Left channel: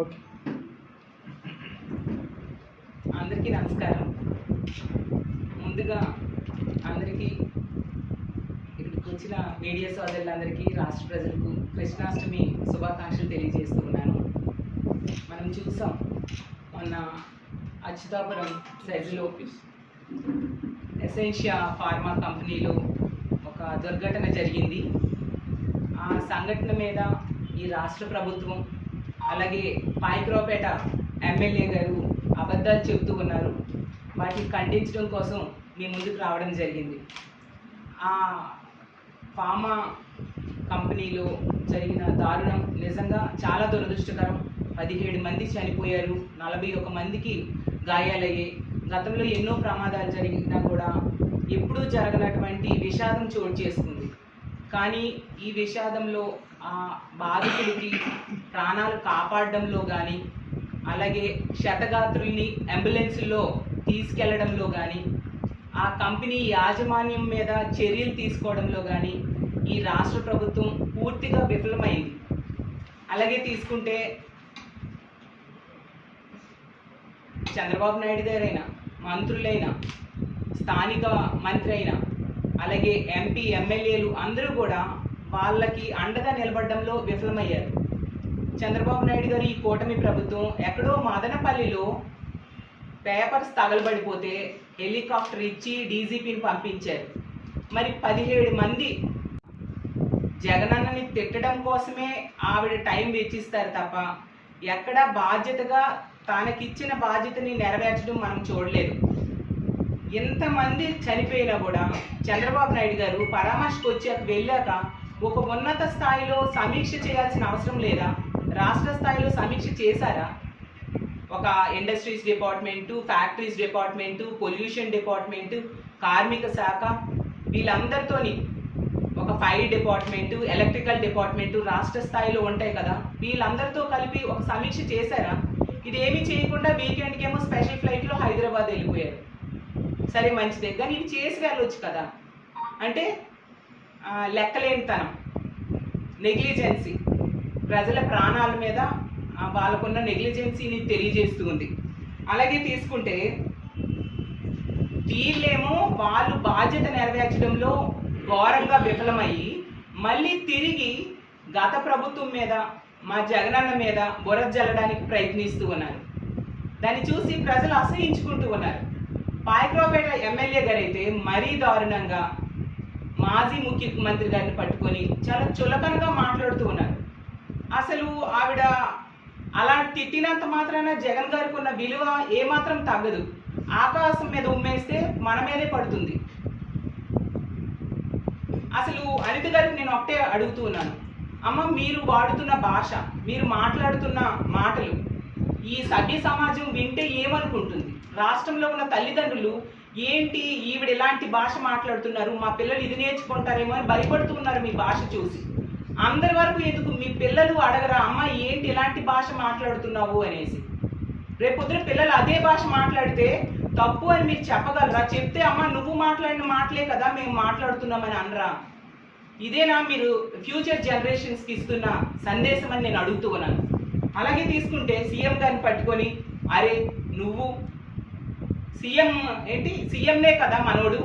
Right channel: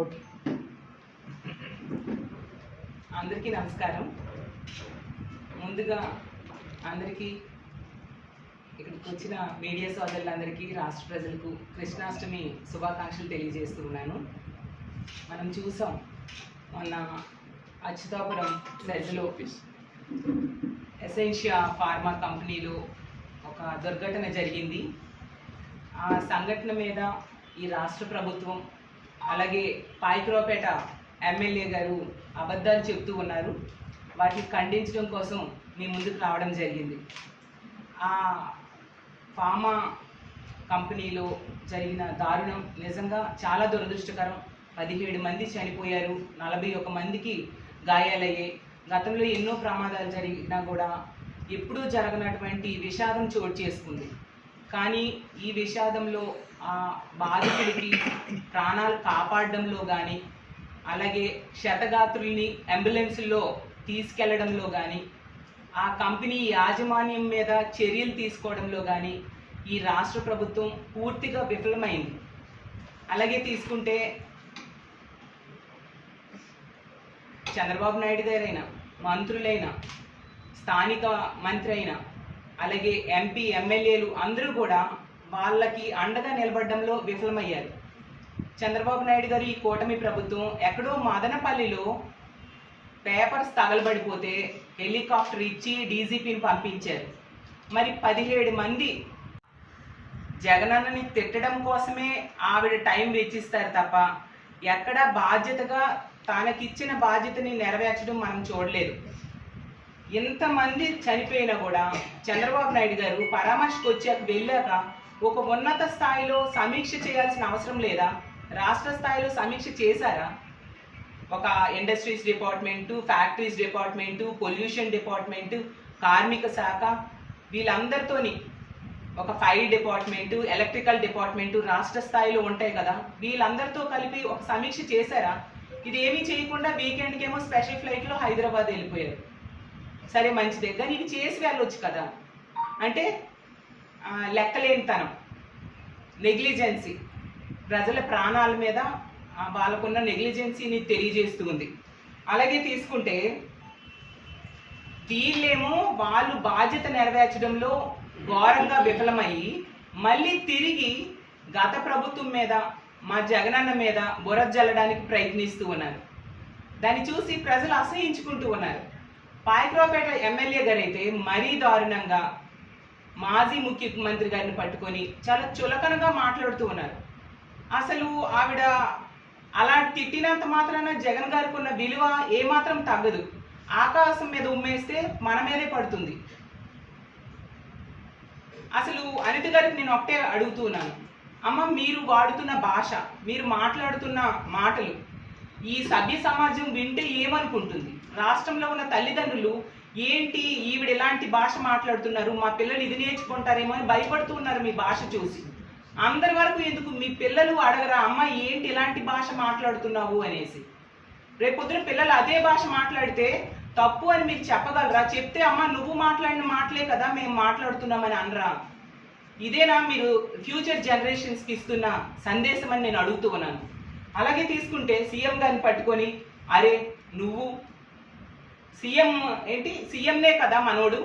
Okay. అందరికీ నమస్కారం. ముందుగా అందరికీ ఇక్కడికి వచ్చిన మీడియా సోదరులందరికీ, రాష్ట్ర ప్రజలకు కృష్ణాష్టమి శుభాకాంక్షలు తెలియజేస్తూ ఉన్నాను. మనం చూసాం మొన్న అచ్యుతాపురం సెజ్లో ఎసెన్షియా ఫార్మా కంపెనీలో ఒక దుర్ఘటన జరిగింది. ఆ సంఘటన మీద ఈ రాష్ట్ర ప్రభుత్వం అలాగే పాయకరావుపేట ఎమ్మెల్యే గారు అబద్ధాలు చెప్తూ ఉన్నారు. వాటిని ఖండించడం కోసం మీ ముందుకు రావడం జరిగింది. ఆ ఫార్మా కంపెనీలో జరిగిన దారుణం నిజంగా చాలా దురదృష్టకరం. 17 మంది చనిపోయారు, 41 మందికి గాయాలయ్యాయి. గతంలో ఎన్నో ప్రమాదాలు జరిగినా కూడా ఎప్పుడూ జరగనటువంటి విషాదం చోటు చేసుకుంది. కానీ ఈ విషాదంలో ఆ బాధితుడికి ప్రాణాలు కాపాడడంలో కానీ, అలాగే క్షతగాత్రుల్ని అంబులెన్స్లో తీసుకెళ్లడంలో కానీ, ఆ కంపెనీ యాజమాన్యం మీద చర్యలు తీసుకోవడంలో కానీ ఈ రాష్ట్ర ప్రభుత్వం పూర్తిగా విఫలమైంది. అలాగే తీసుకుంటే చంద్రబాబు నాయుడు గారైనా, మంత్రులైనా, స్థానిక మంత్రి అయినా, అలాగే ఎంపీ ఎమ్మెల్యేలు అందరూ కూడా వాళ్ళకి అండగా నిలబడడంలో విఫలమయ్యారు. చంద్రబాబు నాయుడు గారు ఈ కూటమి ప్రభుత్వం ఎక్కడో మదనపల్లిలో పేపర్స్ తగలబడిపోతే హెలికాప్టర్ ఇచ్చి డీజీపీని పంపించారు. మరి 17 మంది జగనన్నని తిట్టడం కోసమే ఆవిడ టైం వెచ్చిస్తారు తప్ప ఎక్కడ బాధ్యతగా తనకిచ్చిన బాధ్యతని నెరవేర్చడం మనం చూడలేదు. ఎంతమంది చనిపోయినా కూడా చంద్రబాబు నాయుడు గారు పరామర్శకు వెళ్ళాక ఒక ఉన్నత స్థాయిలో సమీక్ష చేయాల్సిన అవసరం లేదా? రాష్ట్ర స్థాయిలో సమీక్ష చేశారా? ఒక industries department, factories department, pollution department, కార్మిక శాఖ, వీళ్ళందరితోని ఒక ఫైర్ డిపార్ట్మెంటు, ఎలక్ట్రికల్ డిపార్ట్మెంటు రాష్ట్ర స్థాయిలో ఉంటాయి కదా, వీళ్ళందరితో కలిపి ఒక సమీక్ష చేశారా? ఇదేమీ చేయకుండా వీకెండ్కి ఏమో స్పెషల్ ఫ్లైట్లో హైదరాబాద్ వెళ్ళిపోయారు. సరే మంచిదే, కానీ ఇవి చేసి వెళ్ళొచ్చు కదా. అంటే లెక్కలేనితనం, నెగ్లిజెన్సీ, ప్రజల ప్రాణాల మీద వాళ్ళకున్న నెగ్లిజెన్సీని తెలియజేస్తూ ఉంది. అలాగే తీసుకుంటే వీళ్ళేమో వాళ్ళు బాధ్యత నెరవేర్చడంలో ఘోరంగా విఫలమయ్యి మళ్ళీ తిరిగి గత ప్రభుత్వం మీద, మా జగనన్న మీద బురద జల్లడానికి ప్రయత్నిస్తూ ఉన్నారు. దాన్ని చూసి ప్రజలు అసహించుకుంటూ ఉన్నారు. పాయకరావుపేట ఎమ్మెల్యే గారు అయితే మరీ దారుణంగా మాజీ ముఖ్యమంత్రి గారిని పట్టుకొని చాలా చులకనగా మాట్లాడుతూ ఉన్నారు. అసలు ఆవిడ అలా తిట్టినంత మాత్రాన జగన్ గారికి ఉన్న విలువ ఏమాత్రం తగ్గదు. ఆకాశం మీద ఉమ్మేస్తే మన మీదే పడుతుంది. అసలు అనిత గారికి నేను ఒకటే అడుగుతూ ఉన్నాను, అమ్మ మీరు వాడుతున్న భాష, మీరు మాట్లాడుతున్న మాటలు ఈ సభ్య సమాజం వింటే ఏమనుకుంటుంది? రాష్ట్రంలో ఉన్న తల్లిదండ్రులు ఏంటి ఈవిడ ఎలాంటి భాష మాట్లాడుతున్నారు, మా పిల్లలు ఇది నేర్చుకుంటారేమో అని భయపడుతూ ఉన్నారు మీ భాష చూసి. అందరి వరకు ఎందుకు మీ పిల్లలు అడగరా, అమ్మ ఏంటి ఎలాంటి భాష మాట్లాడుతున్నావు అనేసి? రేపొద్దున పిల్లలు అదే భాష మాట్లాడితే తప్పు అని మీరు చెప్పగలరా? చెప్తే అమ్మ నువ్వు మాట్లాడిన మాటలే కదా మేము మాట్లాడుతున్నామని అనరా? ఇదేనా మీరు ఫ్యూచర్ జనరేషన్స్కి ఇస్తున్న సందేశం అని నేను అడుగుతూ ఉన్నాను. అలాగే తీసుకుంటే సీఎం గారిని పట్టుకొని, అరే నువ్వు సీఎం ఏంటి, సీఎంనే కదా మనోడు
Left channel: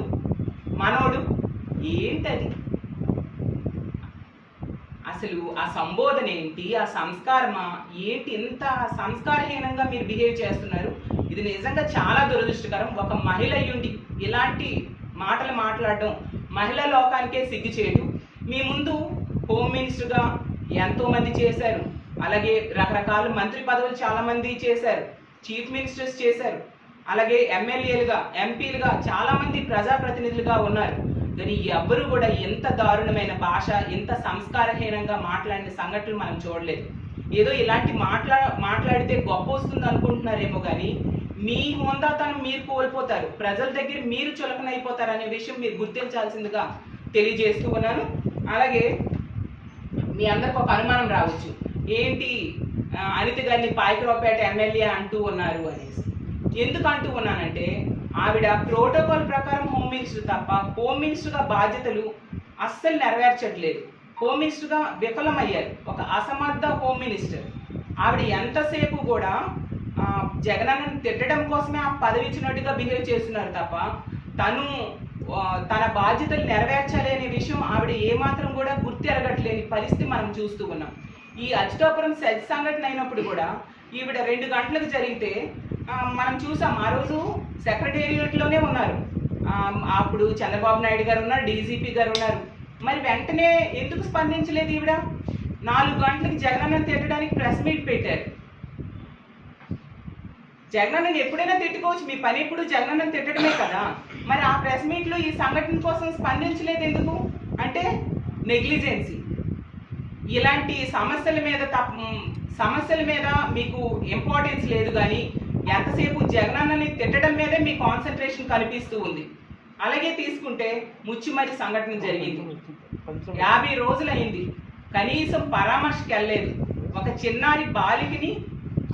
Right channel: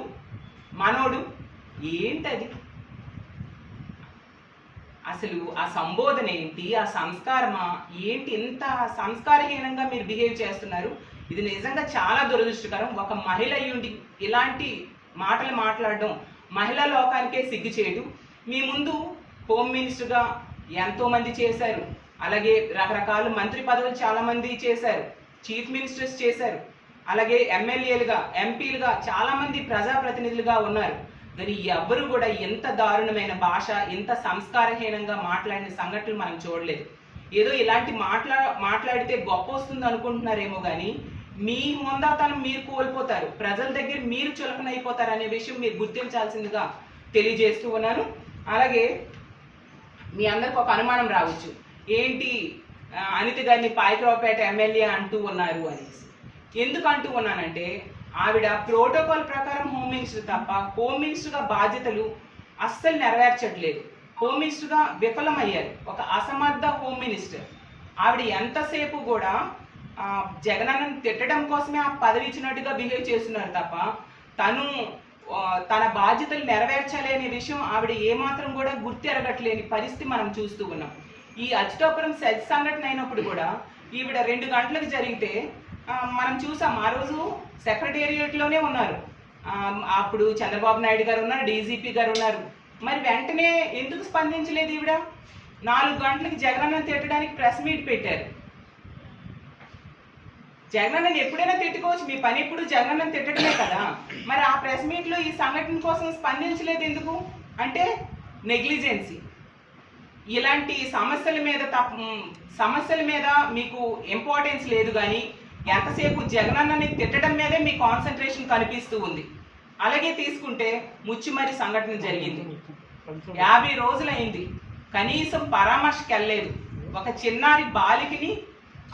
ఏంటది? అసలు ఆ సంబోధన ఏంటి, ఆ సంస్కారమా ఏంటి? ఎంత సంస్కారహీనంగా మీరు బిహేవ్ చేస్తున్నారు. ఇది నిజంగా చాలా దురదృష్టకరం. ఒక మహిళ అయ్యుండి ఇలాంటి మాటలు మాట్లాడడం మహిళా లోకానికే సిగ్గుచేటు. మీ ముందు హోమ్ మినిస్టర్గా ఎంతోమంది చేశారు, అలాగే రకరకాల మంత్రి పదవులు చాలామంది చేశారు, చీఫ్ మినిస్టర్స్ చేశారు, అలాగే ఎమ్మెల్యేలుగా, ఎంపీలుగా చాలామంది ప్రజాప్రతినిధులుగా ఉన్నారు. కానీ ఎవ్వరూ కూడా ఎంత దారుణమైన భాష, ఎంత సంస్కారహీనంగా మాట్లాడిన సంఘటనలు మనం చూడలేదు. ఏదో ఇలాంటి మాట్లాడితే గొప్ప వస్తుంది అనుకుంటున్నారేమో కానీ మీ హోందాతనం మీరు కోల్పోతారు, ప్రజల దగ్గర మీరు చులకనైపోతారు అనే విషయం మీరు గుర్తించాల్సిందిగా తెలియజేస్తూ ఉన్నాను. అలాగే మీ అందరికి ఒక అనుమానం రావచ్చు, ఏంటి అనిత గారిని పాయకరావుపేట ఎమ్మెల్యే అంటూ ఉన్నారు అనేసి. ఎందుకు అంటూ ఉన్నానంటే ఆవిడ ప్రోటోకాల్ ప్రకారం హోమ్ మినిస్టర్ తప్ప హోమ్ మినిస్టర్గా బాధ్యతలు అస్సలు నెరవేర్చట్లేదు. హోమ్ మినిస్టర్గా విఫలమయ్యారు. ఒక అసమర్థ హోమ్ మినిస్టర్. ఆవిడ ఎంతసేపు కూడా జగనన్నను తిట్టడం కోసమే ఆ పదవి ఇచ్చినట్టుగా బిహేవ్ చేస్తున్నారు తప్ప తను తన బాధ్యతలు నెరవేర్చాలి అనే విషయం ఆవిడ ఏమాత్రం కూడా గుర్తెరగట్లేని పరిస్థితి మనం చూస్తూ ఉన్నాం. ఈ అచ్యుతాపురం సెజ్ సంఘటన అయినప్పుడు కూడా ఈవిడ 2 గంటలకు జరిగితే మనం చూసాం. ఆ రోజు సెక్రటేరియట్లోనే ఉన్నారు. అప్పుడు చంద్రబాబు నాయుడు గారు ఉన్నారు, డీజీపీ గారు ఉన్నారు. మరి వెంటనే ఎందుకు స్పందించలేదు ఈవిడ? 4 గంటలకి జగనన్నను తిట్టడానికి ప్రెస్ మీట్ పెట్టారు. జగనన్నను ఎప్పుడైనా తిట్టుకోవచ్చు, మీ పని ఎప్పుడు జగనన్నను తిట్టడమే కదా. మరి ఆ ప్రెస్ మీట్లో ఈ సంఘటన కోసం స్పందించలేదు ఎందుకు? అంటే నెగ్లిజెన్సీ. ఇలాంటి సమస్యల మీద మీకు ఇంపార్టెన్స్ లేదు, కానీ ఎంతసేపు జగనన్నని తిట్టడం మీదే మీ కాన్సన్ట్రేషన్ కనిపిస్తూ ఉంది. అలాగే తీసుకుంటే ముచ్చిమరి సంఘటన జరిగింది. 50 రోజులైంది, కనీసం పరామర్శకి వెళ్ళలేదు. ఒక చిన్నారి బాలికని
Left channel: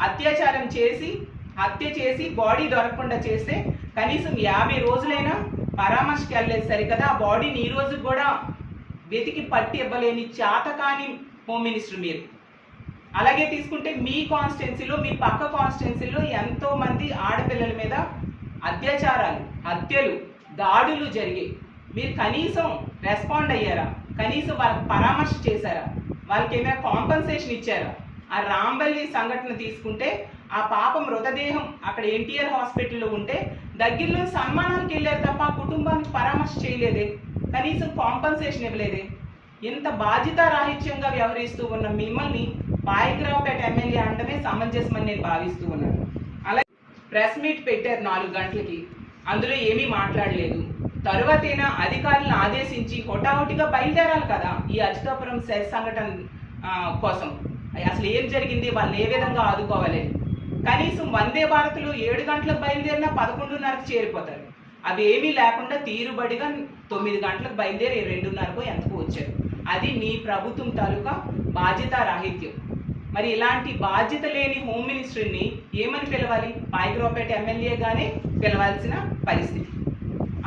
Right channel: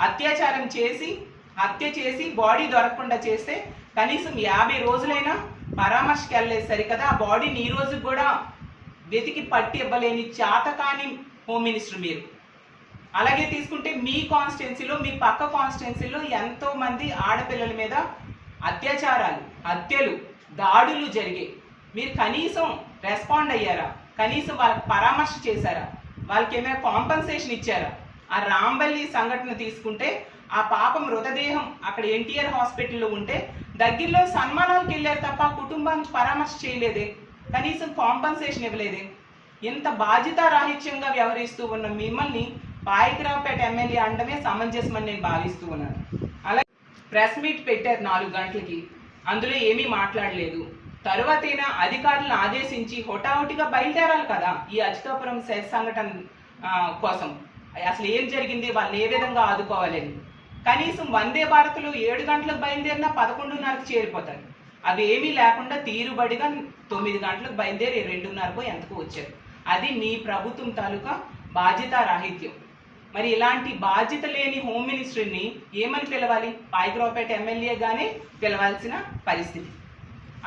హత్య చేసి బాడీ దొరకకుండా చేస్తే కనీసం 50 రోజులైనా పరామర్శకి వెళ్ళలేదు సరికదా. ఆ బాడీని ఈ రోజు కూడా వెతికి పట్టి ఇవ్వలేని చేతకాని హోమ్ మినిస్టర్ మీరు. అలాగే తీసుకుంటే మీ కాన్స్టిట్యున్సీలో, మీ పక్క కాన్స్టిట్యున్సీలో ఎంతో మంది ఆడపిల్లల మీద అత్యాచారాలు, హత్యలు, దాడులు జరిగాయి. మీరు కనీసం రెస్పాండ్ అయ్యారా? కనీసం వాళ్ళకి పరామర్శ చేశారా? వాళ్ళకి ఏమైనా కాంపన్సేషన్ ఇచ్చారా? ఆ రాంబల్లి సంఘటన తీసుకుంటే ఆ పాప మృతదేహం అక్కడ ఎన్టీఆర్ హాస్పిటల్లో ఉంటే దగ్గరలో సన్మానానికి వెళ్ళారు తప్ప ఆ కుటుంబానికి పరామర్శ చేయలేదే, కనీసం కాంపన్సేషన్ ఇవ్వలేదే. ఇంత బాధ్యతారాహిత్యంగా వ్యవహరిస్తూ ఉన్న మిమ్మల్ని పాయకరావుపేట ఎమ్మెల్యే అంటమే సమంజసమని నేను భావిస్తూ ఉన్నాను. అలాగే ప్రెస్ మీట్ పెట్టారు 4 గంటలకి, అందులో ఏమీ మాట్లాడలేదు. తరువాతైనా అధికారులను ఆదేశించి హొటాహుటిగా బయలుదేరాలి కదా ఈ అచ్యుతాపురం సెజ్ సంఘటన కోసం. అసలు ఏం జరిగింది, వాళ్ళని ఏ విధంగా ఆదుకోవాలని. కనీసం వందే భారత్లో 7 గంటలకు బయలుదేరినా 11:30కు చేరిపోతారు. అవి ఏమీ లేకుండా తీరుబడిగా 9 గంటలకు బయలుదేరి 2:30కో ఎంతకు వచ్చారు. అది మీ ప్రభుత్వం తాలూకా బాధ్యతారాహిత్యం. మరి ఇలాంటి బాధ్యత లేని హోమ్ మినిస్టర్ని ఏమని పిలవాలి? పాయకరావుపేట ఎమ్మెల్యేగానే పిలవాల్సిన పరిస్థితి.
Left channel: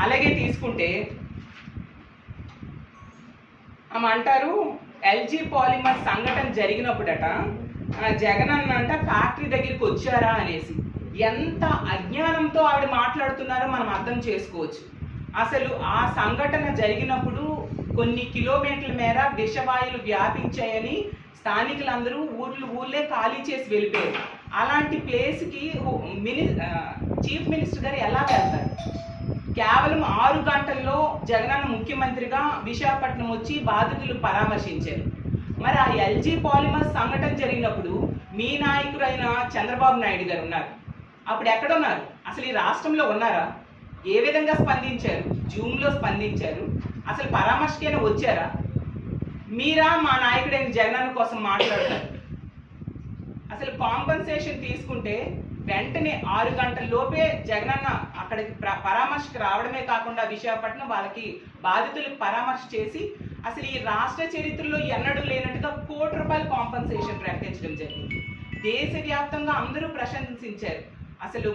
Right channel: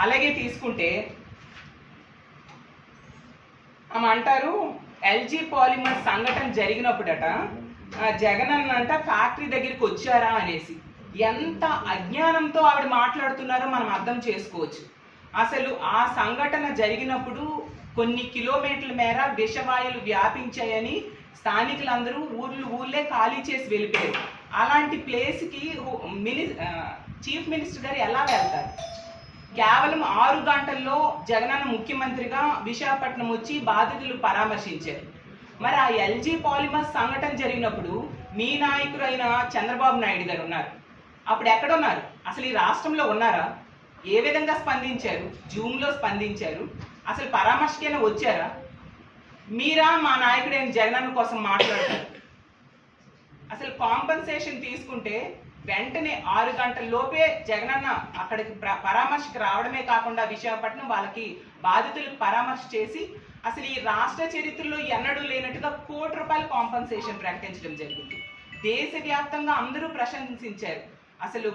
అలాగే తీసుకుంటే ఆమె అంటారు ఎల్జీ పాలిమర్ సంఘటన జరిగినప్పుడట జగనన్న ఫ్యాక్టరీ దగ్గరికి వచ్చారా అనేసి. ఎంత అజ్ఞానంతో ఆవిడ మాట్లాడుతున్నారో మనం అర్థం చేసుకోవచ్చు. అసలు ఆ సంఘటన జరిగినప్పుడు కొన్ని కిలోమీటర్ల మేర విషవాయువులు వ్యాపించాయని స్థానికులందరూ ఊళ్ళే ఖాళీ చేసి వెళ్ళిపోయారు. అలాంటి ప్లేస్కి చీఫ్ మినిస్టర్ గారు ఎలా వెళ్తారు? కేవలం 6 గంటల్లో జగనన్న ముఖ్యమంత్రిగా విశాఖపట్నం వచ్చి బాధితులు పరామర్శించారు. మరి ఆ ఎల్జీ పాలిమర్ సంఘటన జరిగినప్పుడు మీ నాయకుడైన చంద్రబాబు నాయుడు గారు ఉన్నారు. అప్పుడు ఎక్కడున్నారు? అసలు ఈ రాష్ట్రంలో ఉన్నారా? ఏ విధంగా స్పందించారు? జూమ్లో స్పందించారు. అసలు పరామర్శకైనా వచ్చారా? మీరా మా నాయకుడైన జగనన్న కోసం మాట్లాడతారు? అసలు కాంపన్సేషన్ తీసుకుంటే వెంటనే 6 గంటల లోపే జగనన్న అక్కడికి పరామర్శకు రావడమే కాకుండా విశాఖపట్నం వాళ్ళకి బాధితులకు పరామర్శ చేసి అసలు ఈ రాష్ట్ర చరిత్రలో ఎన్నడూ లేనట్టుగా ₹1 కోటి కాంపన్సేషన్ ప్రకటించడం జరిగింది. దేశవ్యాప్తంగా అందరూ ప్రశంసించారు. అసలు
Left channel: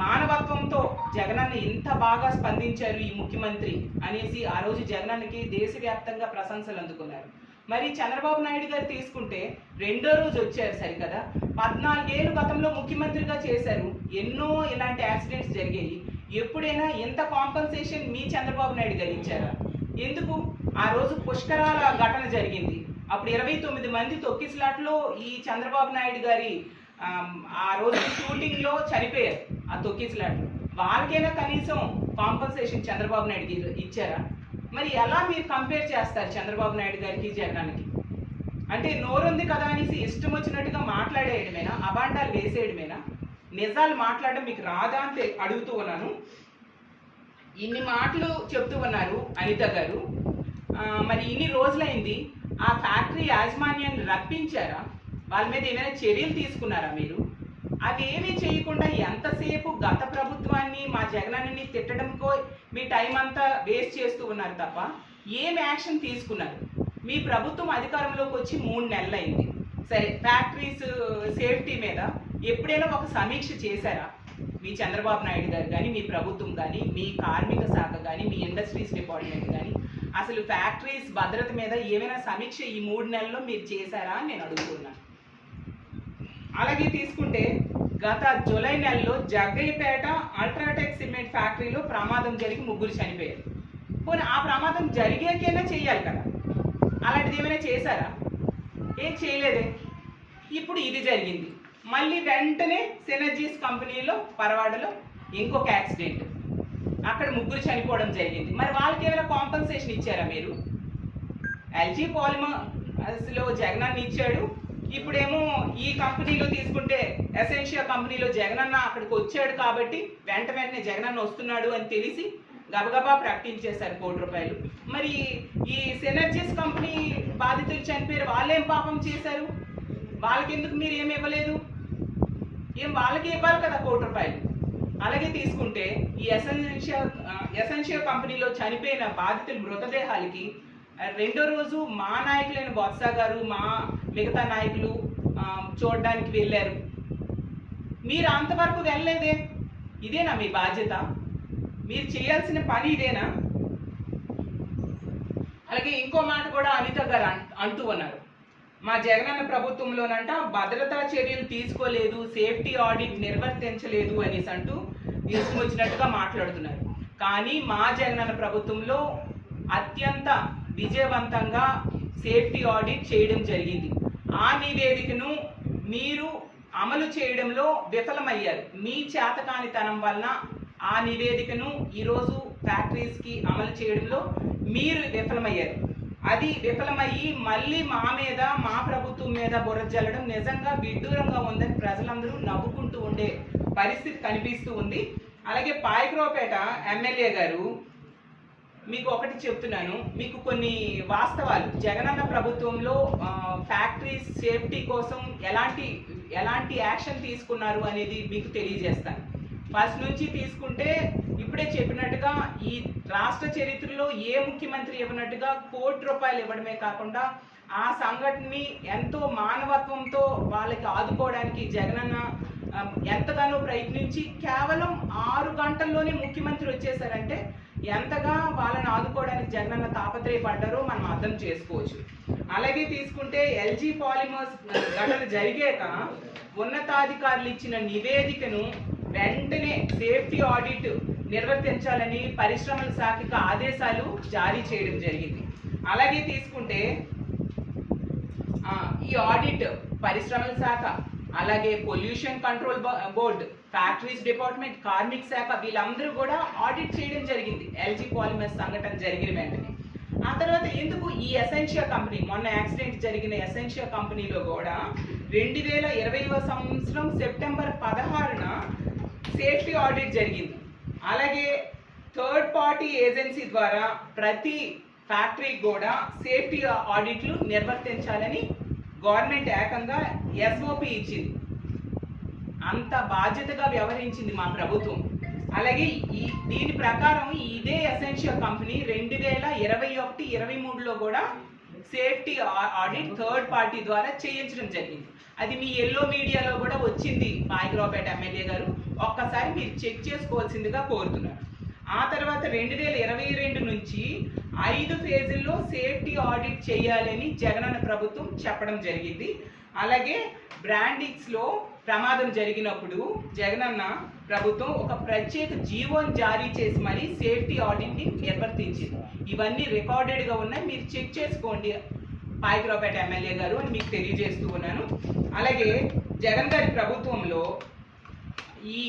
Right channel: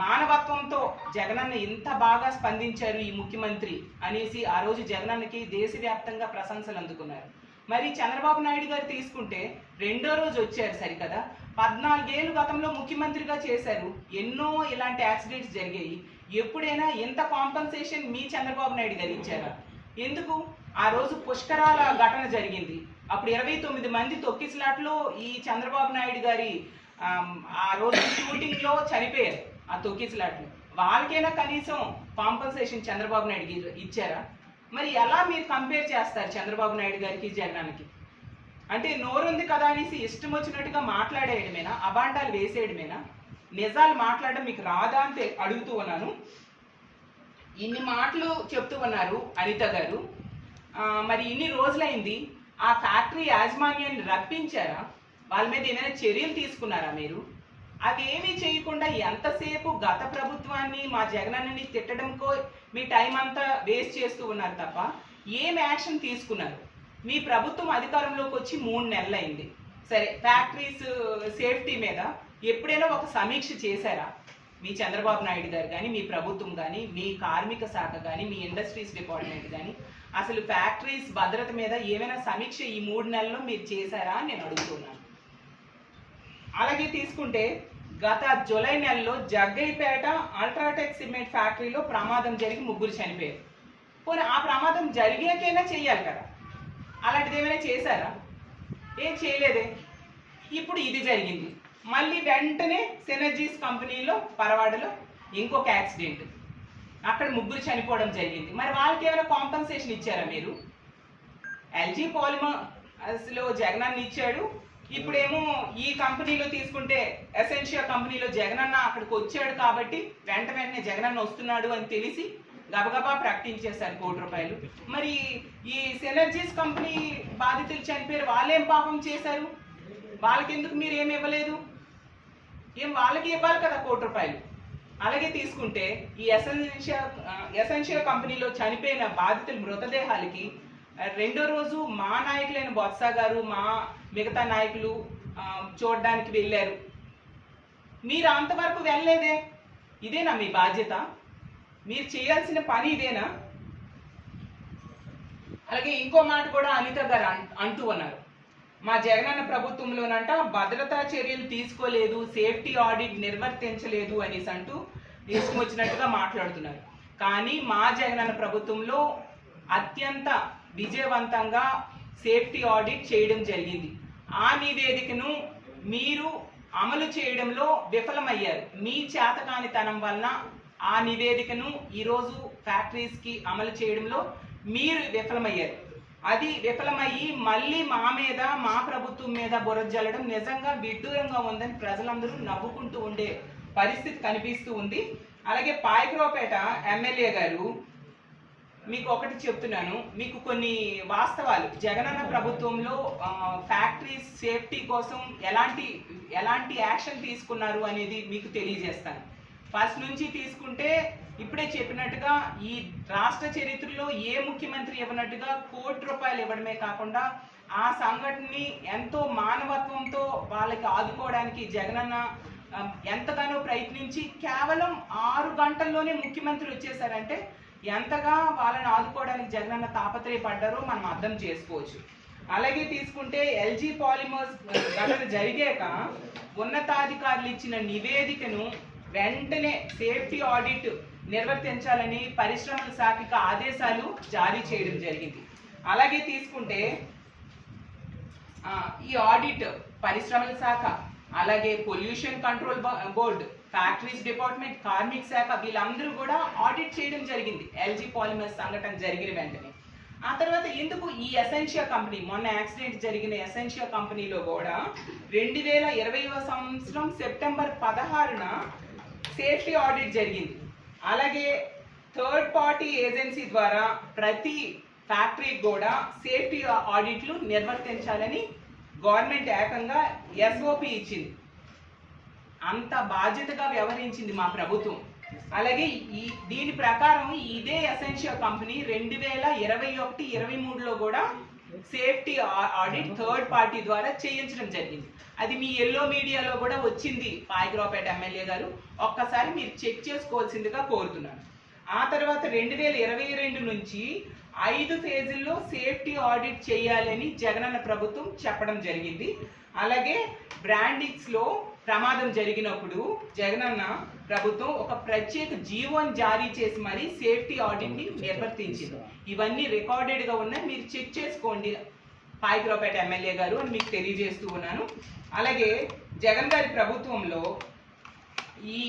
మానవత్వంతో జగనన్న ఇంత బాగా స్పందించారు ఈ ముఖ్యమంత్రి అనేసి ఆ రోజు జగనన్నకి దేశవ్యాప్తంగా ప్రశంసలు అందుకున్నారు. మరి చంద్రబాబు నాయుడు గారు తీసుకుంటే 2వ రోజు వచ్చారు సరికదా. 14 ఏళ్ళు గతంలో ముఖ్యమంత్రిగా చేశారు. ఎన్నో ఇలాంటి యాక్సిడెంట్స్ జరిగాయి. ఎప్పుడైనా ఎంత కాంపన్సేషన్ మీ చంద్రబాబు నాయుడు గారు ఇచ్చారా? ఎందుకు? ఆ రోజు పుష్కరాల ఘటన జరిగింది. అప్పుడు 29 మంది తొక్కిసలాట్లో ఈ చంద్రబాబు నాయుడు గారి ఆ రోజు షూటింగ్లో చనిపోయారు. ఆ తొక్కిసలాట్లు వాళ్ళకైనా కనీసం కాంపన్సేషన్ చంద్రబాబు నాయుడు ఇచ్చారా? మరి ఎలా మీరు కంపేర్ చేస్తారు చంద్రబాబు నాయుడు గారికి జగనానికి? అంటే నోరుంది కదా అనేసి ఇష్టం వచ్చినట్టుగా మాట్లాడేయడమేనా? అబాండాలు వేసేయడమేనా? నిజాలు మాట్లాడడం మీకు రాదా అని అడుగుతూ ఉన్నాను. ఇన్ని మాటలు చెప్తూ ఉన్నారు అనిత గారు. మరి ఇన్ని రోజులైంది, ఆ ఫ్యాక్టరీ యాజమాన్యాన్ని రప్పించారా? వాళ్ళ మీద ఏమైనా చర్యలు తీసుకున్నారా మీరు? అవి ఏమీ చేయకుండా ఎంతసేపు గత ప్రభుత్వాన్ని మా జగనన్నని తిట్టడంకో మీ టైం అంతా వేస్ట్ చేస్తూ ఉన్నారు తప్ప ఏం యాక్షన్ తీసుకున్నారు? మీ ప్రభుత్వం అధికారంలోకి వచ్చి 3 నెలలైంది. సరే, ఫ్యాక్టరీస్ సేఫ్టీ మీద ఎప్పుడైనా ఒక సమీక్ష చేశారా? మీ చంద్రబాబు నాయుడు గారు కానీ, మీ ప్రభుత్వం కానీ, మీ కార్మిక శాఖ కానీ, మీ ఇండస్ట్రీస్ డిపార్ట్మెంట్ కానీ అసలు ఫ్యాక్టరీస్ భద్రత మీద ఏమైనా సమీక్ష ఈ 3 నెలల్లో మీరు చేశారా అని నేను అడుగుతున్నాను. అలాగే తీసుకుంటే గత జూలై నెలలో జగ్గయ్యపేట అల్ట్రాటెక్ సిమెంట్ ఫ్యాక్టరీలో ప్రమాదం జరిగి 3 చనిపోయారు. పోనీ ఆ ప్రమాదం జరిగాకైనా చెయ్యాలి కదా, అలాంటిది ఏమైనా చేశారా? ఏం చేయలేదే. ఇప్పుడు ఇది జరిగింది. మళ్ళీ వెంటనే సినర్జీస్ కంపెనీలో పరవాడలో ఇంకొక యాక్సిడెంట్, అక్కడ 3 చనిపోవడం జరిగింది. మరి వాళ్ళకి ఏమైనా కాంపన్సేషన్ ఇచ్చారా మీరు? ఎల్జీ పాలిమర్స్లో జగనన్న ఇచ్చాడు, ఇప్పుడేమో ఈ కంపెనీలో తీసుకుంటే ఎసెన్షియా కంపెనీలో జగనన్న అక్కడికి వచ్చాడు కాబట్టి వెంటనే జగనన్న వస్తున్నాడు అని తెలిసి గబగబా ప్రకటించేశారు ₹1 కోటి. మరి ఈ సినర్జీస్ కంపెనీ బాధితులు చనిపోయారు, వాళ్ళేం పాపం చేశారు? వాళ్ళకి ఎందుకు మీరు ఏమి ఇవ్వలేదు? వాళ్ళకి ఇవ్వాలి కదా ₹1 కోటి. అలాగే తీసుకుంటే ఈ ఎసెన్షియా కంపెనీలో చనిపోయిన బాధితుల మృతదేహాలకి రెండో రోజు మా నాయకులైన బొత్స గారు, మా మిగతా నాయకులు చూడడానికి వెళ్ళారు. మీరు అంతవరకు వెళ్ళలేదే. ఇదేనా మీ బాధ్యత? మీరు చేయాల్సిన పని ఇదేనా? అలాగే ఇంకో మాట కూడా అనిత గారు అంటూ ఉన్నారు, మా జగనన్న ప్రభుత్వంలోనంట భద్రతా చర్యలు తీసుకోలేదు, సేఫ్టీ ఆడిట్ నిర్వర్తించలేదు అనేసి అంటూ తీసుకొచ్చినట్టుగా మాట్లాడుతున్నారు. కానీ మా జగనన్న ప్రభుత్వంలో అత్యంత విజయవంతంగా సేఫ్టీ ఆడిట్ చేయడం జరిగింది. ఆ నివేదికను మీరు అమలు చేయడంలో విఫలమయ్యారు. మీ చేతకానితనం వలన ఆ నివేదికను ఈరోజు ఫ్యాక్టరీస్కి అమలు చేయడంలో మీరు విఫలమయ్యారు. అది విఫలమయ్యి మళ్ళీ మా మీద, మా ప్రభుత్వం మీద బురద జల్లడం నిజంగా విడ్డూరంగా ఉందని ప్రజలందరూ నవ్వుకుంటూ ఉండే పరిస్థితి కనిపిస్తూ ఉంది. అలాగే పాయకరావుపేట ఎమ్మెల్యే గారు, మీకు ఒకటి చెప్తున్నాను, మీకు కొన్ని వాస్తవాలు జగనన్న ప్రభుత్వంలో ఫ్యాక్టరీస్ సేఫ్టీ కోసం ఎలాంటి యాక్షన్ తీసుకున్నారు అనేది మీకు తెలియజేస్తాను. ఫస్ట్ నుంచి తీసుకుంటే ఇప్పుడే చెప్పినట్టుగా ఈ రాష్ట్ర చరిత్రలో ఏ ముఖ్యమంత్రి ఇవ్వనట్టుగా ₹1 కోటి ఇవ్వడమే కాకుండా ఆ సంఘటనని ఎంతో మానవత్వంతో వాళ్ళకి ఆదుకోవడానికి జగనన్న ఎంతగానో ప్రయత్నించి కేవలం 6 గంటల్లోనే ముఖ్యమంత్రి వచ్చేసారంటే ఎంతగా వాళ్ళని ఆదుకోవడానికి జగనన్న తాపత్రయపడ్డారో మనం అర్థం చేసుకోవచ్చు. అలాగే తీసుకుంటే ఎల్జీ పాలిమర్స్ ఘటన జరిగాక ఉన్నతాధికారులు ఇచ్చిన నివేదికను వెంటనే సేఫ్టీ ఆడిట్ నిర్వర్తించాలని పరిశ్రమల శాఖకి ఆదేశాలు జారీ చేయడం జరిగింది. అలాగే తీసుకుంటే ఈ ఆడిట్ పరిశ్రమల శాఖ, అలాగే pollution control board, factories department, కార్మిక శాఖ వీళ్ళందరూ కూడా ఆడిట్ చేయడం జరిగింది ఎల్జీ పాలిమర్స్ సంఘటన జరిగిన వెంటనే. ఆ తర్వాత ఎందుకు ఈ ఎసెన్షియా కంపెనీ, మొన్న యాక్సిడెంట్ జరిగిన ఎసెన్షియా కంపెనీలో కూడా 2020వ సంవత్సరం సెప్టెంబర్ 16న సేఫ్టీ ఆడిట్ జరిగింది. అలాగే థర్డ్ పార్టీ ఏజెన్సీ ద్వారా ప్రతి ఫ్యాక్టరీకి కూడా సేఫ్టీ ఆడిట్లు నిర్వర్తించాలని గవర్నమెంట్ ఏకంగా SOP ఇచ్చింది. అంత బాధ్యతగా వ్యవహరించింది మా ప్రభుత్వం. అలాగే దీని ప్రకారం ఇదే ఎసెన్షియా కంపెనీ 2021-23లో కూడా సేఫ్టీ ఆడిట్ థర్డ్ పార్టీ ద్వారా చేయించడం జరిగింది. అది మీ ఎల్లో మీడియాలో కూడా వచ్చింది పాయకరావుపేట ఎమ్మెల్యే గారు, ఒక్కసారి మీరు చెక్ చేసుకోవాల్సిందిగా కోరుతున్నారు. ఆ తర్వాత 2022 నుంచి 5 ఫేజుల్లో సేఫ్టీ ఆడిట్ చేయాలని జగనన్న ప్రభుత్వం చెప్పడం జరిగింది. అలాగే బ్రాండిక్స్లో ప్రమాదం జరిగినప్పుడు జగనన్న ప్రభుత్వం ఒక ప్రత్యేక జీవోని జారీ చేసి మరీ సేఫ్టీ ఆడిట్ని నిర్వర్తించింది. ఇవన్నీ రికార్డెడ్గా ఉన్నాయి, మీరు చెక్ చేసుకోండి పాయకరావుపేట ఎమ్మెల్యే గారు అని మీకు తెలియజేస్తూ ఉన్నాను. అలాగే జగన్ గారి ప్రభుత్వంలో ఈ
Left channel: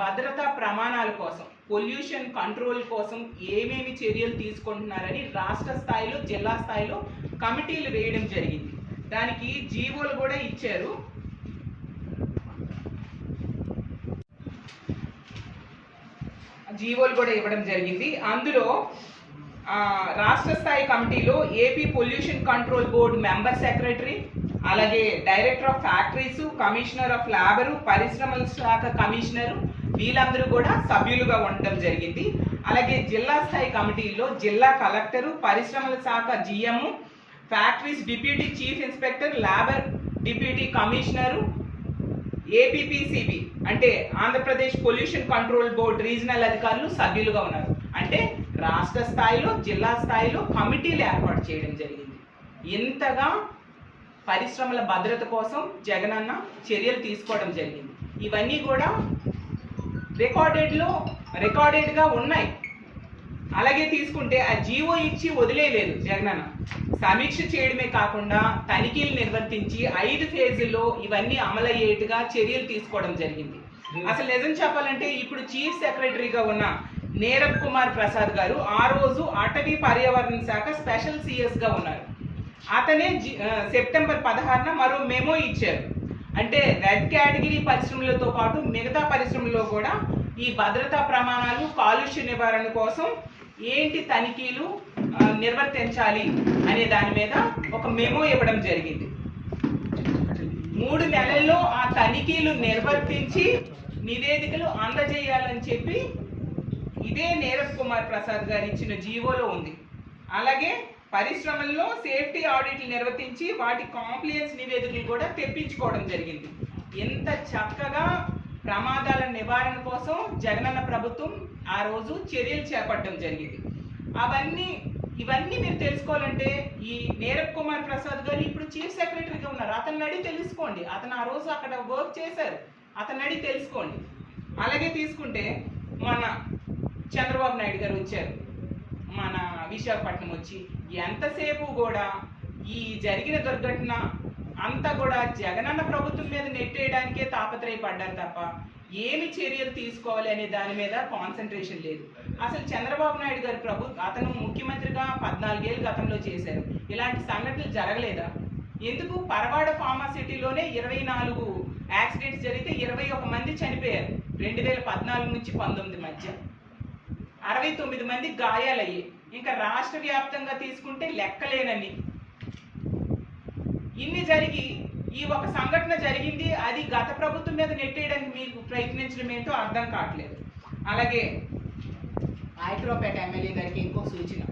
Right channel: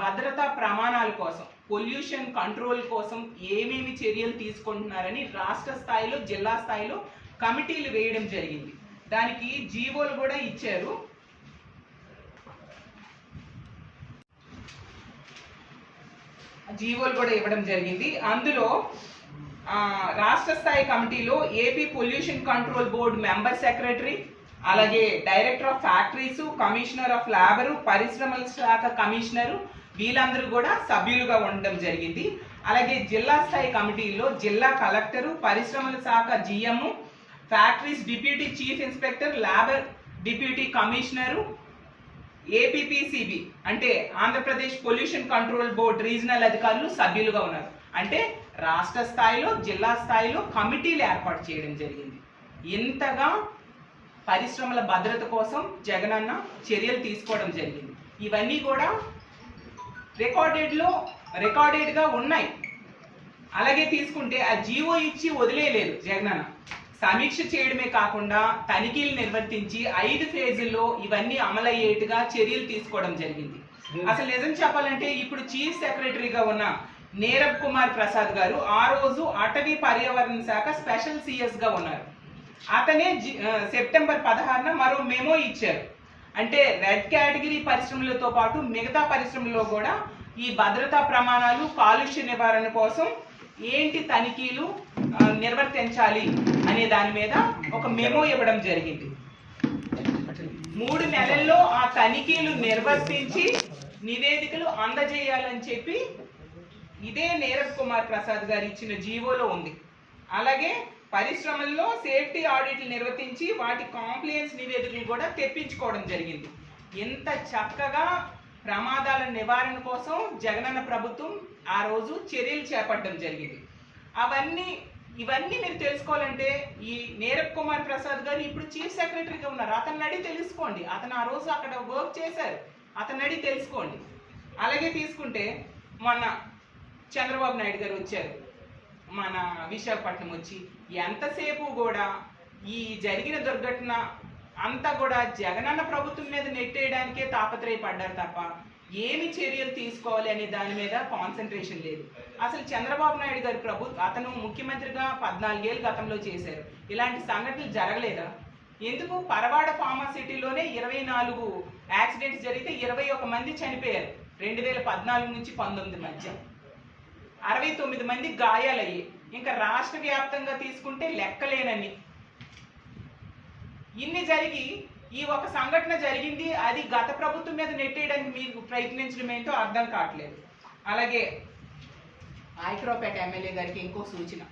భద్రతా ప్రమాణాల కోసం, పొల్యూషన్ కంట్రోల్ కోసం ఏమేమి చర్యలు తీసుకుంటున్నారని రాష్ట్ర స్థాయిలో, జిల్లా స్థాయిలో కమిటీలు వేయడం జరిగింది. దానికి జీవోలు కూడా ఇచ్చారు. జీవోలు కూడా ఇవ్వడం జరిగింది. అందులో రాష్ట్ర స్థాయి కమిటీలో AP pollution control board member secretary, అలాగే director of factories, commissioner of labour, పరిశ్రమల శాఖ కమిషనరు వీళ్ళందరూ కూడా సభ్యులుగా ఉండడం జరిగింది. అలాగే జిల్లా స్థాయి కమిటీలో జిల్లా కలెక్టరు, పరిశ్రమల శాఖ GM, factories deputy chief inspector, labour deputy commissioner, APPCB అంటే Andhra Pradesh pollution control board regional అధికారులు సభ్యులుగా ఉన్నారు. అంటే రాష్ట్ర స్థాయిలో, జిల్లా స్థాయిలో కమిటీలు ఏర్పాటు చేయడం జరిగింది. ఇంతగా పరిశ్రమల భద్రత కోసం జగనన్న చర్యలు తీసుకోవడం జరిగింది. ఇవన్నీ కూడా రికార్డెడ్గా ఉన్నాయి. అలాగే తీసుకుంటే ఆ జీవో ఇచ్చి వదిలేయలేదు జగనన్న. సమీక్ష చేయడమే కాకుండా తనిఖీలు నిర్వర్తించి 5 ఫేజుల్లో ఇవన్నీ అమలయ్యేట్టుగా చర్యలు తీసుకోవడం జరిగింది. అసలు నిజం చెప్పాలంటే ఇప్పుడు చీఫ్ సెక్రటరీగా ఉన్న నీరబ్ కుమార్ ప్రసాద్ గారు ఆ రోజు అటవీ పర్యావరణ శాఖ స్పెషల్ సిఎస్గా ఉన్నారు. అతనే సెప్టెంబర్ 16న మరో మెమో ఇచ్చారు. అంటే రెడ్ కేటగిరీ పరిశ్రమలతో పాటు మిగతా పరిశ్రమల్లో కూడా ఈ భద్రతా ప్రమాణాలు, కాలుష్య నివారణ కోసం ఏంటి తనిఖీలు నిర్వర్తించాలి అనే దాని మీద ఒక మెమో ఇవ్వడం జరిగింది. 3 నెలల్లో ఆ తనిఖీలు నిర్వర్తించి నివేదికలు అందజేయాలని చెప్పి ఇదే నీరబ్ కుమార్ ప్రసాద్ గారు ఇచ్చిన జీవోలో ఉంది. అలాగే పరిశ్రమల్లో సేఫ్టీ ఆడిట్లు నిర్వర్తించి వాటి కాంప్లియన్స్ నివేదికలు కూడా తెప్పించుకోవడం జరిగింది. ఎంత చక్కగా ప్రమాదాల నివారణ కోసం జగనన్న ప్రభుత్వం ఆ రోజు చర్యలు చేపట్టడం జరిగింది. ఇవన్నీ మీరు తెలుసుకోవాలంటే ఈ నీరబ్ కుమార్ ప్రసాద్ గారు ఇప్పుడు చీఫ్ సెక్రటరీగా ఉన్నారు. అతన్ని అడిగి తెలుసుకోండి. అతను ఆ రోజు అక్కడ వర్క్ చేశారు. అతన్ని అడిగి తెలుసుకోండి. అలాగే తీసుకుంటే మొన్న చంద్రబాబు నాయుడు గారు వచ్చారు మన విశాఖపట్నం వచ్చి ఎంతసేపు కూడా ఈ జరిగిన దుర్ఘటన అంతా కూడా జగనన్న ప్రభుత్వం మీద నెట్టేయడానికే తాపత్రయపడ్డారు తప్ప ఏమి చర్యలు తీసుకోవాలి అనే దాని మీద కాన్సన్ట్రేషన్ లేదు. అసలు చంద్రబాబు నాయుడు గారి అతను ముఖ్యమంత్రిగా 14 ఏళ్ళు గతంలో చేశారు. ఇలాంటి సంఘటనలు జరగలేదా? ఎందుకు? పరవాడ ఫార్మాసిటీలోనే 24 యాక్సిడెంట్స్ జరిగితే 21 మంది చనిపోయారు 2014 నుంచి 19 మధ్య. 69 మంది గాయాలయ్యాయి. ఇంకా రాష్ట్ర వ్యాప్తంగా తీసుకుంటే లెక్కలేనని. ఇన్ని జరిగి ఈ ఒక సంఘటన జరిగింది, అది గత ప్రభుత్వం మీద నెట్టేయడానికి మీరు ప్రయత్నించడం ఏంటో అర్థం కావట్లేదు. అలాగే ఐక్రోపేట ఎమ్మెల్యే గారికి ఇంకో సూచన,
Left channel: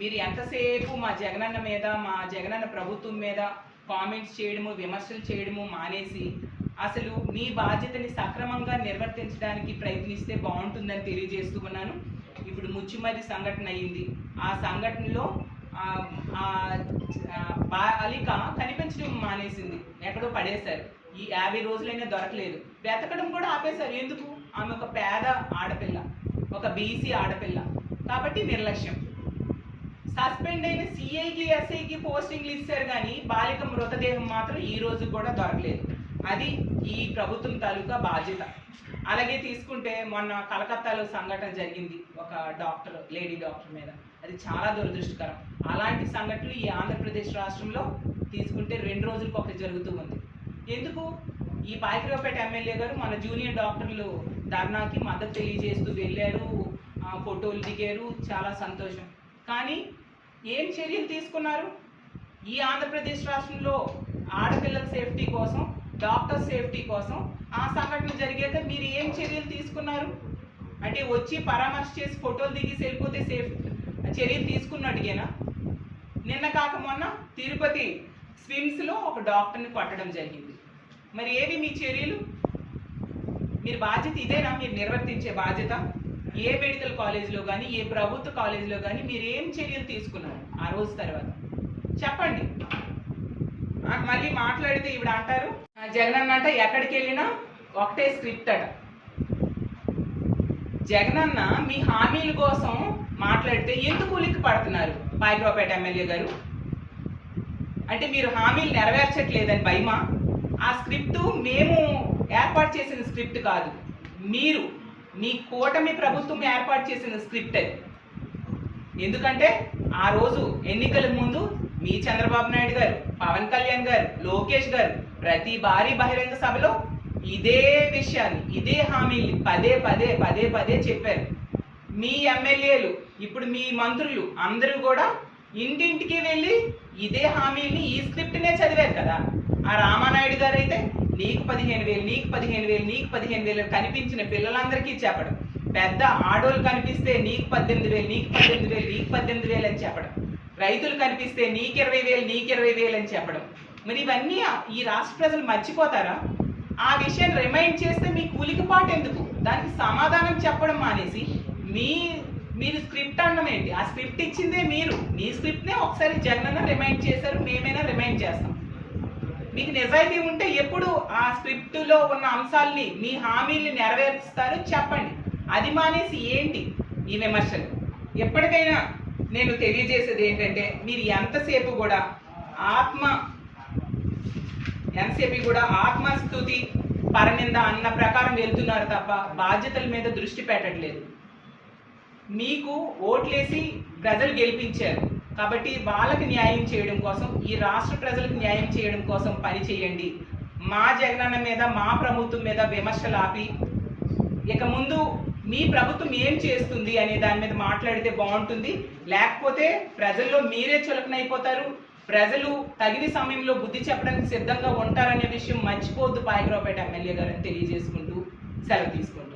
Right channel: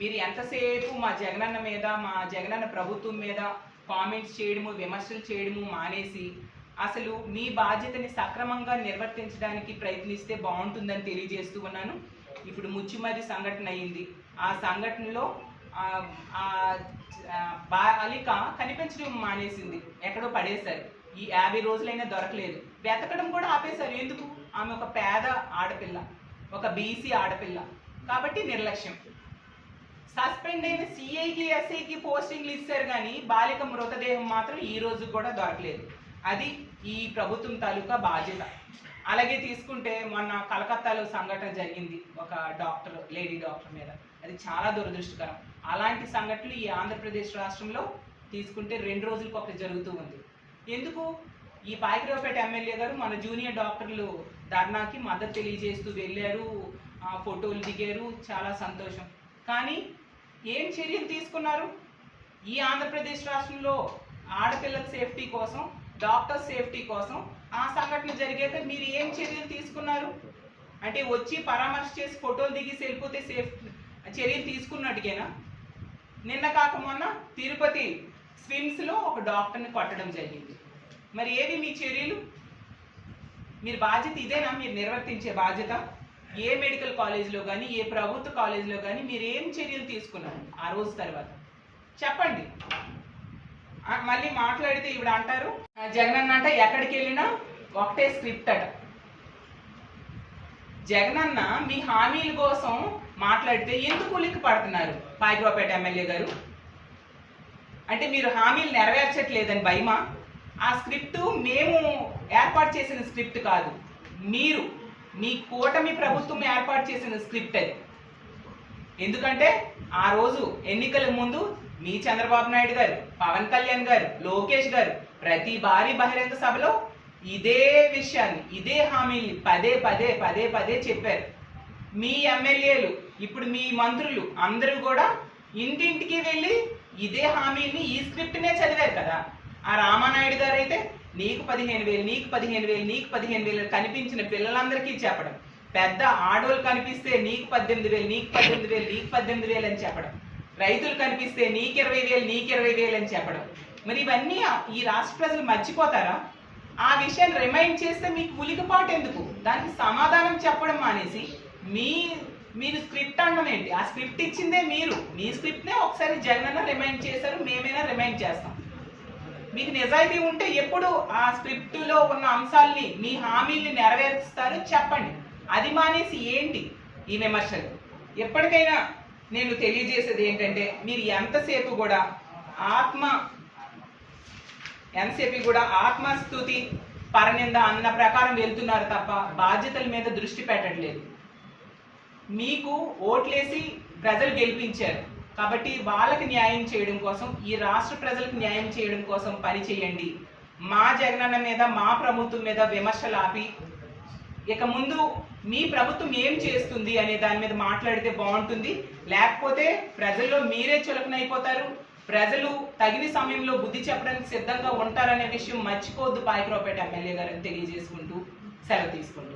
మీరు ఎంతసేపు మా జగనన్న మీద, మా జగనన్న ప్రభుత్వం మీద కామెంట్స్ చేయడము, విమర్శలు చేయడము మానేసి అసలు మీ బాధ్యతని సక్రమంగా నిర్వర్తించడానికి ప్రయత్నిస్తే బాగుంటుందని తెలియజేస్తూ ఉన్నాను. ఇప్పుడు ముచ్చుమర్రి సంఘటన అయ్యింది. ఆ సంఘటనలో బాలిక కనిపించడం మానేసింది, ఎక్కడో పడేశారు. ఈ 50 రోజులైనా దొరకలేదు. వెతకడం కూడా ఆపేశారు. ఎందుకు? ఆమె ఒక పేద ఆడపిల్ల, ఒక బీసీ ఆడపిల్ల కాబట్టి నిర్లక్ష్యం. సస్పెండ్ అయిన సిఐకి, ఎస్ఐకి పోస్టింగ్లు ఇస్తారు కానీ బాలిక మృతదేహం మాత్రం ఈ రోజు కూడా దొరకలేదు. అది ఈ ప్రభుత్వం తాలూకా బాధ్యత. అలాగే తీసుకుంటే మొన్న కలకత్తాలో సంఘటన జరిగింది ఒక డాక్టర్, లేడీ డాక్టర్ మీద. అది చాలా దురదృష్టకరం. అలాంటి సంఘటనలు ఈ ఆంధ్రప్రదేశ్ రాష్ట్రంలో తీసుకుంటే 2 రోజులకు ఒకటి జరుగుతూ ఉంది. ఎందుకు? ఈ పాయకరావుపేట ఎమ్మెల్యే గారు మన జూనియర్ డాక్టర్లు ధర్నాకి మద్దతు తెలియజేస్తూ వెళ్ళారు, ఫోటోలు దిగారు, చాలా సంతోషం. కానీ ఏం చర్యలు తీసుకున్నారు? ఈ ఆంధ్రప్రదేశ్ రాష్ట్రంలో ఆడపిల్లల సేఫ్టీ కోసం, డాక్టర్ సేఫ్టీ కోసం ఆ సంఘటన జరిగాక మీరు ఏం చర్యలు తీసుకున్నారు? అంటే వచ్చి పరామర్శ చేసి ఫోటోలు దిగి వెళ్ళిపోతే చర్యలు తీసుకున్నట్టుగేనా? నిన్న కాక మొన్న తిరుపతి స్విమ్స్లో ఒక డాక్టర్ని కొట్టడం జరిగింది. మరి ఏవి మీ చర్యలు? మీరు బాధ్యత ఇదేనా మీరు నిర్వర్తించే బాధ్యత? ఏ మెడికల్ కాలేజీలో కానీ, ఏ ప్రభుత్వ కాలేజీలో కానీ మీరు ఏం చర్యలు తీసుకున్నారు ఆ రోజు తర్వాత? చెప్పండి. మళ్ళీ మాట్లాడితే ఇవిడ అంటారు జగనన్న అంట ఎక్కడికి వెళ్ళినా ఒకటే స్క్రిప్ట్ అట. జగనన్న మీ హామీల కోసం మాట్లాడితే ఎందుకు ఉలిక్కి పడుతున్నారు పాయకరావుపేట ఎమ్మెల్యే గారు? అంటే మీరు హామీలు నెరవేర్చట్లేదని భయమా? ఆ స్క్రిప్ట్ మేము ఏర్పాటు చేసిన స్క్రిప్ట్ కాదు, మీరు మీ కూటమి ప్రభుత్వం ఏర్పాటు చేసిన స్క్రిప్ట్ అది. ఎందుకంటే ఆ రోజు ఎన్నికల ముందు మీ చంద్రబాబు నాయుడు గారు, పవన్ కళ్యాణ్ గారు, లోకేష్ గారు ప్రతి భారీ బహిరంగ సభలో ఇదే విషయాన్ని, ఇదే హామీల్ని పదే పదే చెప్పారు. మీ ఎమ్మెల్యేలు, ఇప్పుడు మీ మంత్రులు అందరూ కూడా ఇంటింటికి వెళ్ళి ఇదే హామీల్ని, ఈ స్క్రిప్ట్నే చదివారు కదా. ఆ రామానాయుడు గారు అయితే నీకు 15,000, నీకు 15,000, నీకు 15,000 కనిపించిన పిల్లలందరికీ చెప్పడం, పెద్ద ఆడోళ్ళు కనిపిస్తే నీకు 18,000, నీకు 18,000, నీకు 18,000 అని చెప్పడం, రైతులు కనిపిస్తే నీకు 20,000, నీకు 20,000 అని చెప్పడం. మరి ఇవన్నీ ఈ రాష్ట్ర ప్రజలు మర్చిపోతారా? ఆ విషయాన్ని రిమైండ్ చేస్తే మీకు ఉలికిపాటు ఎందుకు? దానికి సమాధానం చెప్పడం మానేసి మీరు స్క్రిప్ట్ అనడం ఏంటి? ఆ స్క్రిప్ట్ ఇచ్చిందే మీరు. మీ స్క్రిప్ట్నే ఒకసారి జగనన్న రిమైండ్ చేశారు, మేమైనా రిమైండ్ చేస్తాం. మీకు నిజాయితీ ఉంటే ఎప్పుడు ఆ స్క్రిప్టులో ఉన్న అంశాలని మీ హామీల్ని నెరవేరుస్తారో చెప్పండి. అది మానేసి ఏంటి ఈ విమర్శలు? ఎప్పటికైనా నేను తెలియజేసేది ఏంటంటే, మీరు ఎంతసేపు కూడా ఆత్మస్తుతి పరనింద అన్న ప్రకారం వెళ్తున్నారు తప్ప బాధ్యతల మీద దృష్టి పెట్టట్లేదు. మీకు ఓట్లేసి ప్రజలు గెలిపించారు కాబట్టి వాళ్ళకి న్యాయం చేయడం కోసం, ఈ రాష్ట్ర ప్రజలకు న్యాయం చేయడం కోసం పని చేయండి. మా జగనన్న మీద, మా ప్రభుత్వం మీద విమర్శలు ఆపి ఇక ముందు మీ ప్రభుత్వం ఏం చేస్తుంది అనే దాని మీద మాట్లాడితే బాగుంటుంది. లేకపోతే ప్రజల్లో మీరే చులకనైపోతారు. ప్రజలు తగిన సమయంలో బుద్ధి చెప్పడానికి సిద్ధంగా ఉంటారనే విషయం మర్చిపోవద్దు పాయకరావుపేట ఎమ్మెల్యే గారని తెలియజేసుకుంటూ సెలవు తీసుకుంటారు.